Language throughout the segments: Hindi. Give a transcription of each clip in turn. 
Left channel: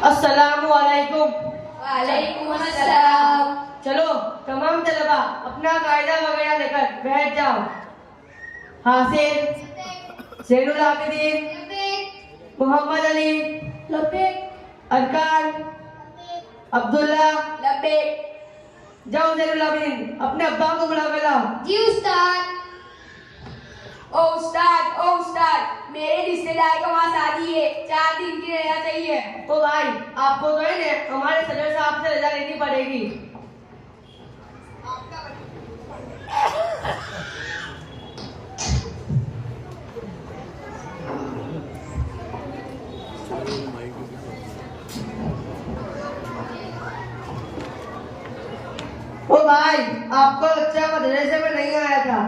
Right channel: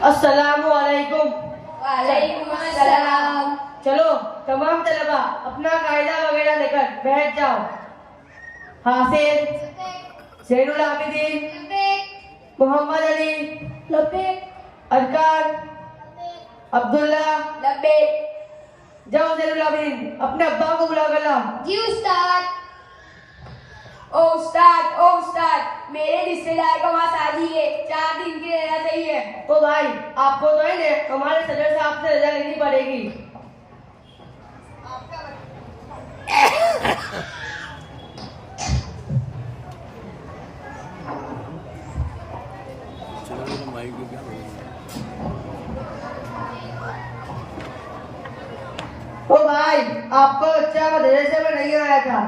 अस्सलामु अलैकुम। वालेकुम अस्सलाम। चलो तमाम तलबा अपना कायदा वगैरह लेकर बैठ जाओ। हासिल, ज़ैनुल आबिदीन, मोहम्मद अली, अरकान, अब्दुल्ला, जाओ ज़ैनुल आबिदीन अपने अब्बा को बुला कर लाओ। जी उस्ताद। ओ उस्ताद, मेरे रिश्तेदार का वहाँ शादी है, 4 दिन की रजा चाहिए। तो भाई आपको तो है ना हमारे सदर साहब से रजा लेनी पड़ेगी। ओ भाई आपका बच्चा मदरसे में नहीं आया था।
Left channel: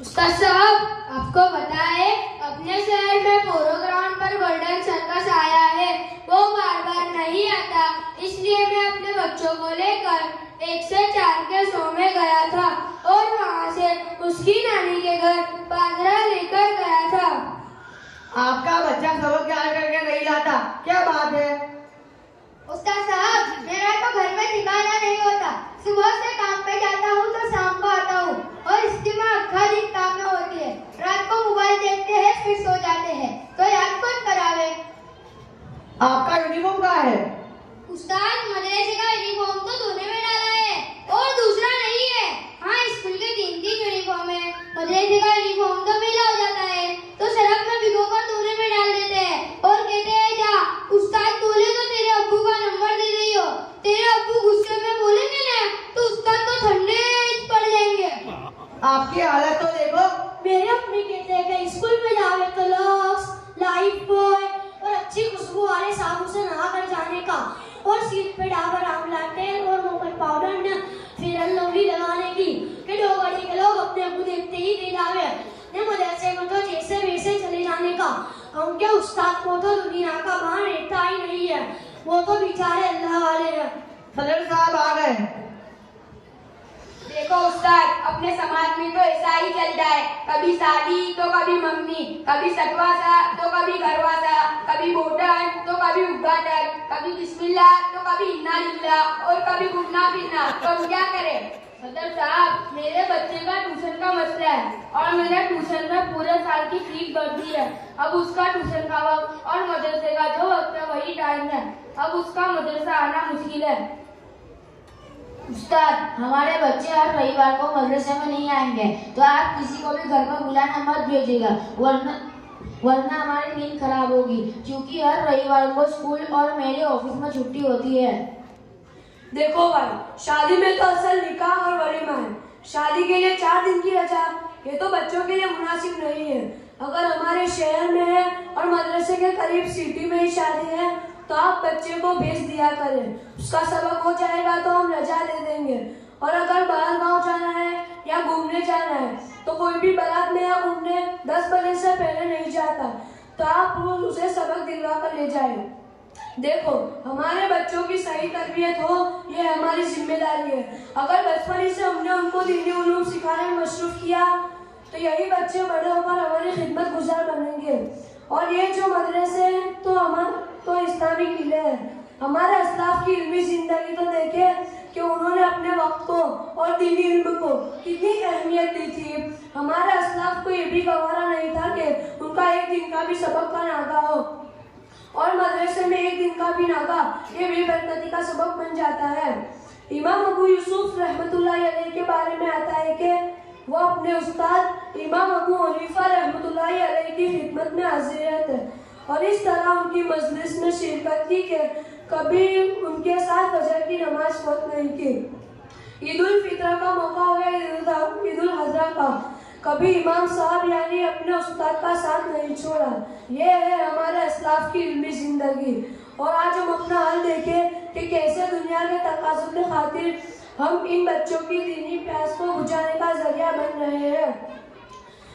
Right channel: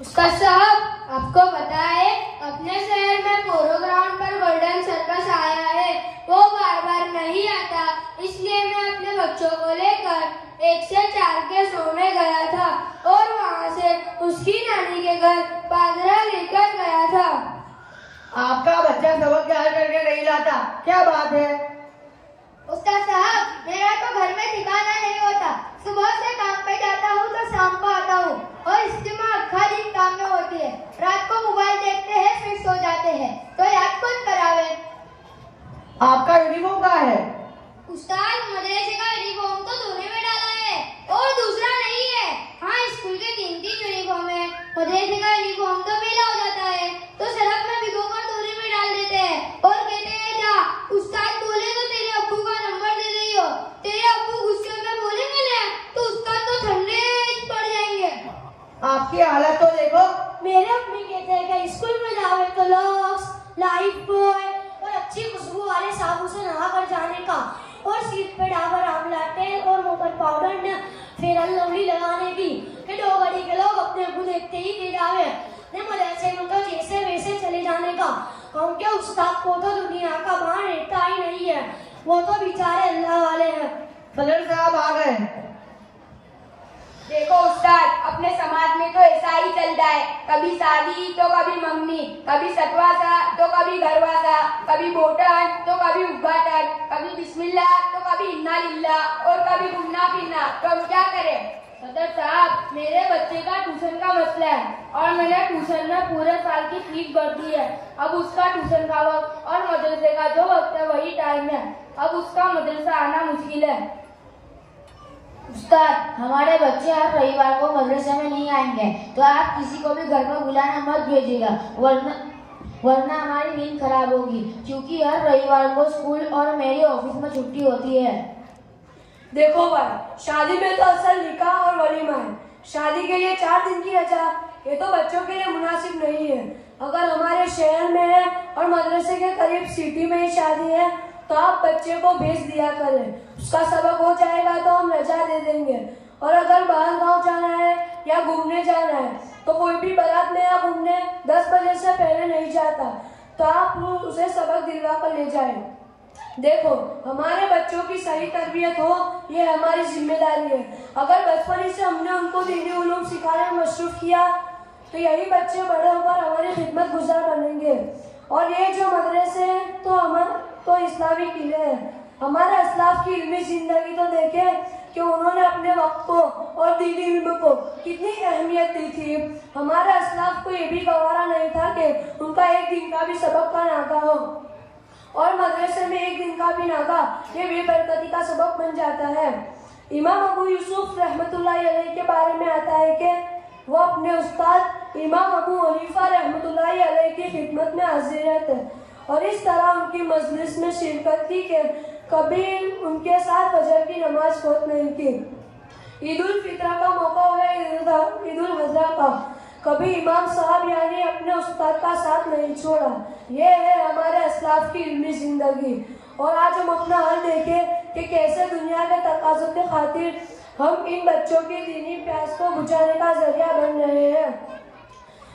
उस्ताद साहब, आपको पता है अपने शहर में पोलो ग्राउंड पर गोल्डन सर्कस आया है, वो बार बार नहीं आता, इसलिए मैं अपने बच्चों को लेकर 1 से 4 के शो में गया था और वहाँ से उसकी नानी के घर बाजरा लेकर गया था। आपका बच्चा सबक याद करके नहीं लाता, क्या बात है? उस्ताद साहब, मेरा तो घर में ठिकाना नहीं होता, सुबह से काम पे जाता हूँ तो शाम को आता हूँ और इस्तेमाल हर दिन काम में होती है। रात को मोबाइल देखते हैं फिर सो जाते हैं, तो याद कौन करावे? आपका यूनिफॉर्म कहाँ है? उस्ताद, मदरसे का यूनिफॉर्म तो धोने में डाला है और दूसरा नहीं है। हाँ, स्कूल के 3 यूनिफॉर्म है, मदरसे का यूनिफॉर्म तो मैला हो जाता है तो सरफ में भिगोकर धोने में डाल देते हैं और कहते हैं जा, उस्ताद बोले तो तेरे अब्बू का नंबर दे रही हो। तेरे अब्बू गुस्से में बोलेंगे ना तो उस्ताद तो ठंडे पड़ जाएंगे। आपकी हालत तो देखो। मेरे अम्मी कहते हैं कि स्कूल में जाओ तो लॉक्स, लाइफ बॉय और अच्छी खुशबू वाले साबुन से नहा कर जाने का और सिर पे डाबर आंवला तेल और मुंह पर पाउडर न फेयर एंड लवली लगाने की कि 2 घड़ी के लोग अपने अब्बू देखते ही दे जावे ने मदरसे में तो जैसे वैसे चले जाने का। हम क्या उस्ताद को तो दुनिया का भान रहता ही नहीं है, वो तो बेचारे अल्लाह वाले हैं। सदर साहब आ गए। देखो उस्ताद, अपने समाज में तो ऐसा ही चलता है, कभी शादी तो कभी मंगनी, कभी सतवासा तो कभी घरवासा, कभी बोटन तो कभी उद्घाटन, कभी बिस्मिल्लाह तो कभी इन्ना लिल्लाह और कभी घूमना फिरना। तो हम क्या करें? सदर साहब, मेरे बच्चे का ट्यूशन का मसला है और मैंने ट्यूशन में पूरे साल की फीस भर दी है। अब उसका ट्यूशन का वक्त और मदरसे का जो वक्त है वही टाइम है, अब उसका मदरसा आना मुश्किल है। उस्ताद, हमारे बच्चे हर रविवार को मदरसे में नहीं आएंगे, तो आप किसी को भी घर पर बुलाना मत भेजिएगा, वरना हमारी नींद खराब होगी, क्योंकि हर रविवार को स्कूल और मेरे ऑफिस में छुट्टी होती है। देखो भाई, शादी में तो असल निकाह और वलीमा है, शादी के लिए 4 दिन की रजा ये तो बच्चों के लिए मुनासिब नहीं है। अगर हमारे शहर में है और मदरसे के करीब सिटी में ही शादी है तो आप बच्चे को भेज दिया करें, उसका सबक हो जाएगा तो हम रजा दे देंगे। और अगर बाहर गांव जाना है या घूमने जाना है तो कोई भी बारात में या घूमने 10 बजे से पहले नहीं जाता, तो आप उसे सबक दिलवा कर ले जाए। देखो, हमारे बच्चों की सही तरबियत हो ये हमारी जिम्मेदारी है। अगर बचपन से हमने उनको दीनी उलूम सिखाने में मशरूफ किया तो यही बच्चे बड़े होकर हमारी खिदमत गुजार बनेंगे। और ये जो मदरसे हैं तो इस्लामी किले हैं। हमारे असलाफ की इल्मी जिंदगी तो देखे कि उन्होंने अपने वक्त को और दीनी इल्म को कितनी अहमियत दी थी। हमारे असलाफ को ये भी गवारा नहीं था कि उनका एक दिन का भी सबक का नागा हो, और मदरसे में एक दिन का भी नागा ये बेबरकती का सबक बन जाता है। इमाम अबू यूसुफ रहमतुल्लाह अलैह के बारे में आता है कि वो अपने उस्ताद इमाम अबू हनीफा रहमतुल्लाह अलैह की खिदमत में हाजिर रहते और इस तरह उनकी मजलिस में शिरकत की कि कभी उनके साथ फजर की नमाज फौत नहीं की। ईद उल फित्र का मौका हो गया, ईद उल अज़हा का, कभी इमाम साहब यानी अपने उस्ताद का साथ नहीं छोड़ा। ये है हमारे असलाफ की इल्मी जिंदगी। और आज हम अपना हाल देखें कि कैसे दुनिया के तकाज़ुब के खातिर हम इन बच्चों की दीनी प्यास को बुझाने का जरिया बन रहे हैं।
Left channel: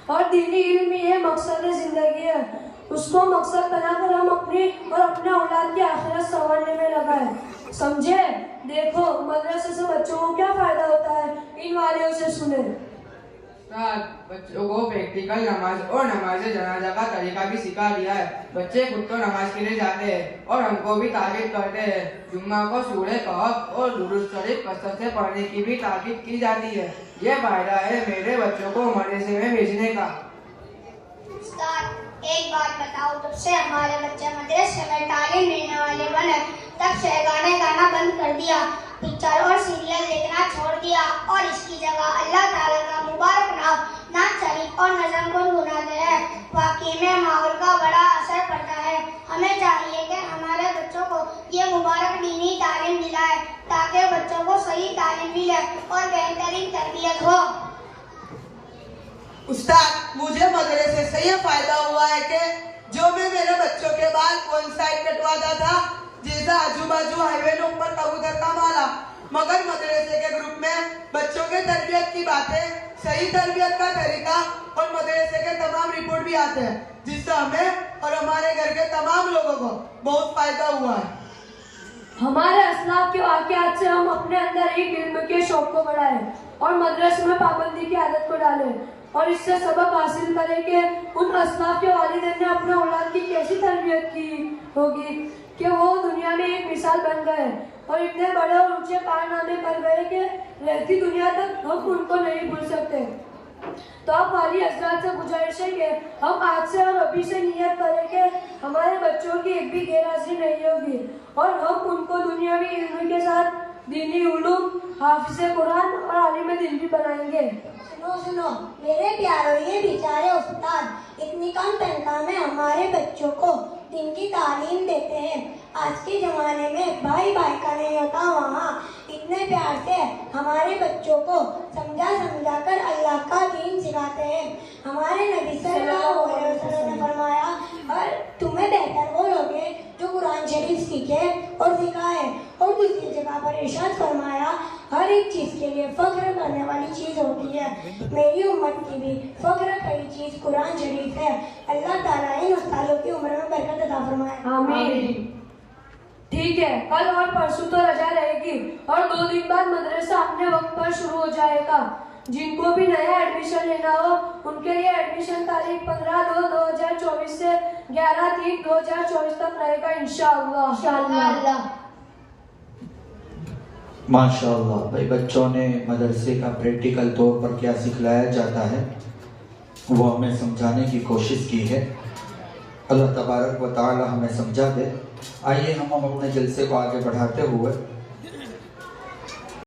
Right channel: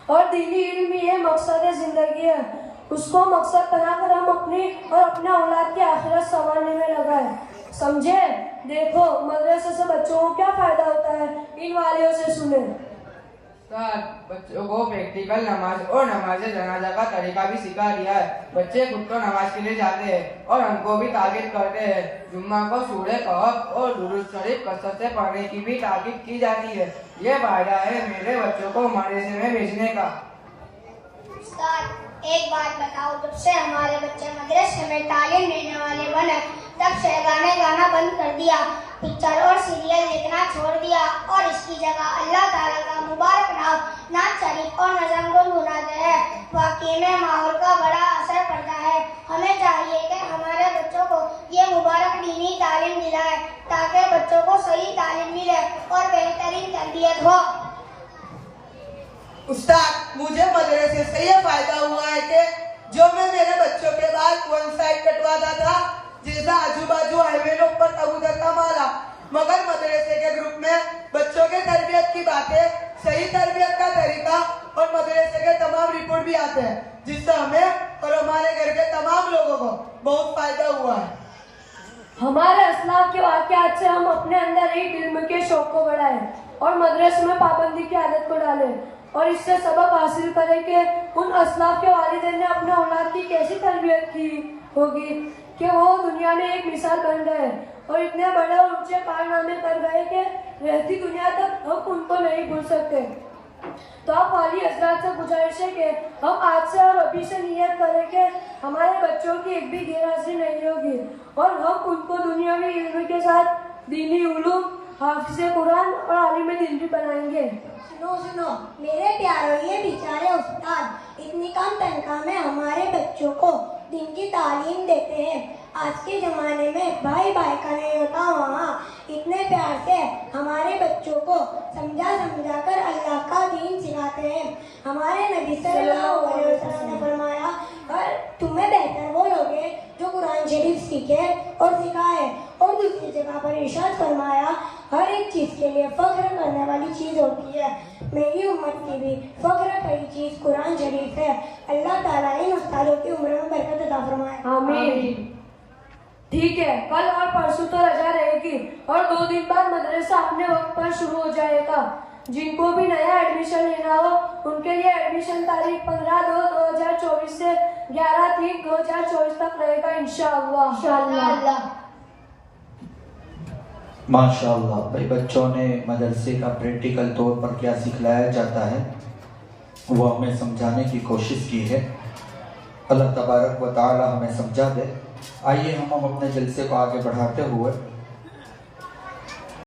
और दीनी इल्म ये मकसद जिंदगी है, उसको मकसद बनाकर हम अपनी और अपने औलाद की आखिरत संवारने में लगाए। समझे? देखो, मदरसे से बच्चों को क्या फायदा होता है, इन वालियों से सुने। उस्ताद, बच्चों को प्रैक्टिकल नमाज और नमाज जनाजा का तरीका भी सिखा दिया है। बच्चे खुद तो नमाज के लिए जाते हैं और हमको भी ताकीद करते हैं। जुम्मा को सूरह कहफ और दुरूद शरीफ कसरत से पढ़ने की भी ताकीद की जाती है। ये फायदा है मेरे बच्चों को मदरसे में भेजने का। उस्ताद, एक बात बताओ, जब से हमारे बच्चे मदरसे में तालीम लेने वाले बने तब से गाने गाना बंद कर दिया, पिक्चर और सीरियल देखना छोड़ दिया और इसकी जगह अल्लाह ताला का मुबारक नाम, नात शरीफ और नज़म गुनगुनाते हैं। वाकई में माहौल का बड़ा असर पड़ता है। हमें चाहिए कि हमारे बच्चों को ये मुबारक दीनी तालीम दिलाए ताकि बच्चों को सही तालीम मिले और बेहतरीन तरबियत हो। उस्ताद, मुझे मदरसे से यह फायदा हुआ है कि जो मैं मेरे बच्चों के बाल वन साइड कटवाता था, जैसा आजू बाजू हाईवे के ऊपर कबूतर का माला, मगर मदरसे के ग्रुप में बच्चों के तरबियत की बातें, सही तरबियत का तरीका और मदरसे के तमाम रिपोर्ट भी आते हैं, जिससे हमें और हमारे घर के तमाम लोगों को बहुत फायदा हुआ है। हमारे असलाफ के वाक़यात से हम अपने अंदर एक इल्म के शौक को बढ़ाएं और मदरसे में पाबंदी की आदत को डालें और इससे सबक हासिल करें कि उन असलाफ के वालिदैन ने अपने औलाद की कैसी तरबियत की होगी कि वो दुनिया में एक मिसाल बन गए और इतने बड़े और ऊंचे कारनामे कर गए कि रहती दुनिया तक हम उनको नहीं भूल सकते। तो आप वाली हजरात से गुजारिश है कि हम आज से और अभी से नियत करें कि हमारे बच्चों की एक भी गैरहाजिरी नहीं होगी और हम उनको दुनिया में इल्म के साथ दीनी उलूम, हाफिज़े कुरान और आलिम दीन भी बनाएंगे। सुनो सुनो मेरे प्यारों, ये बेचारे उस्ताद इतनी कम तनख्वाह में हमारे बच्चों को दिन की तालीम देते हैं। आज के जमाने में भाई भाई का नहीं होता, वहाँ इतने प्यार से हमारे बच्चों को समझा कर अल्लाह का दीन सिखाते हैं। हमारे नबी सल्लल्लाहु अलैहि वसल्लम ने फरमाया, और तुम्हें बेहतर वो लोग हैं जो कुरान शरीफ सीखे और सिखाए। और दूसरी जगह पर इरशाद फरमाया, हर एक चीज के लिए फख्र करने वाली चीज होती है। मेरी उम्मत की भी फख्र करी चीज कुरान शरीफ है। अल्लाह ताला इन उस्तादों की उम्र में बरकत अता फरमाए। आमीन। ठीक है, कल और परसों तो रजा रहेगी और 2 दिन बाद मदरसा अपने वक्त पर शुरू हो जाएगा। जिनको भी नया एडमिशन लेना हो उनके लिए एडमिशन तारीख 15/2/2024 से 11/3/2024 तक रहेगा इंशाअल्लाह। माशाअल्लाह भाई, बच्चों ने मदरसे का प्रैक्टिकल तौर पर क्या सिखलाया जाता है वो हमें समझाने की कोशिश की है। अल्लाह तबारक व तआला हमें समझा दे। आइए हम अपने जलसे को आगे बढ़ाते हुए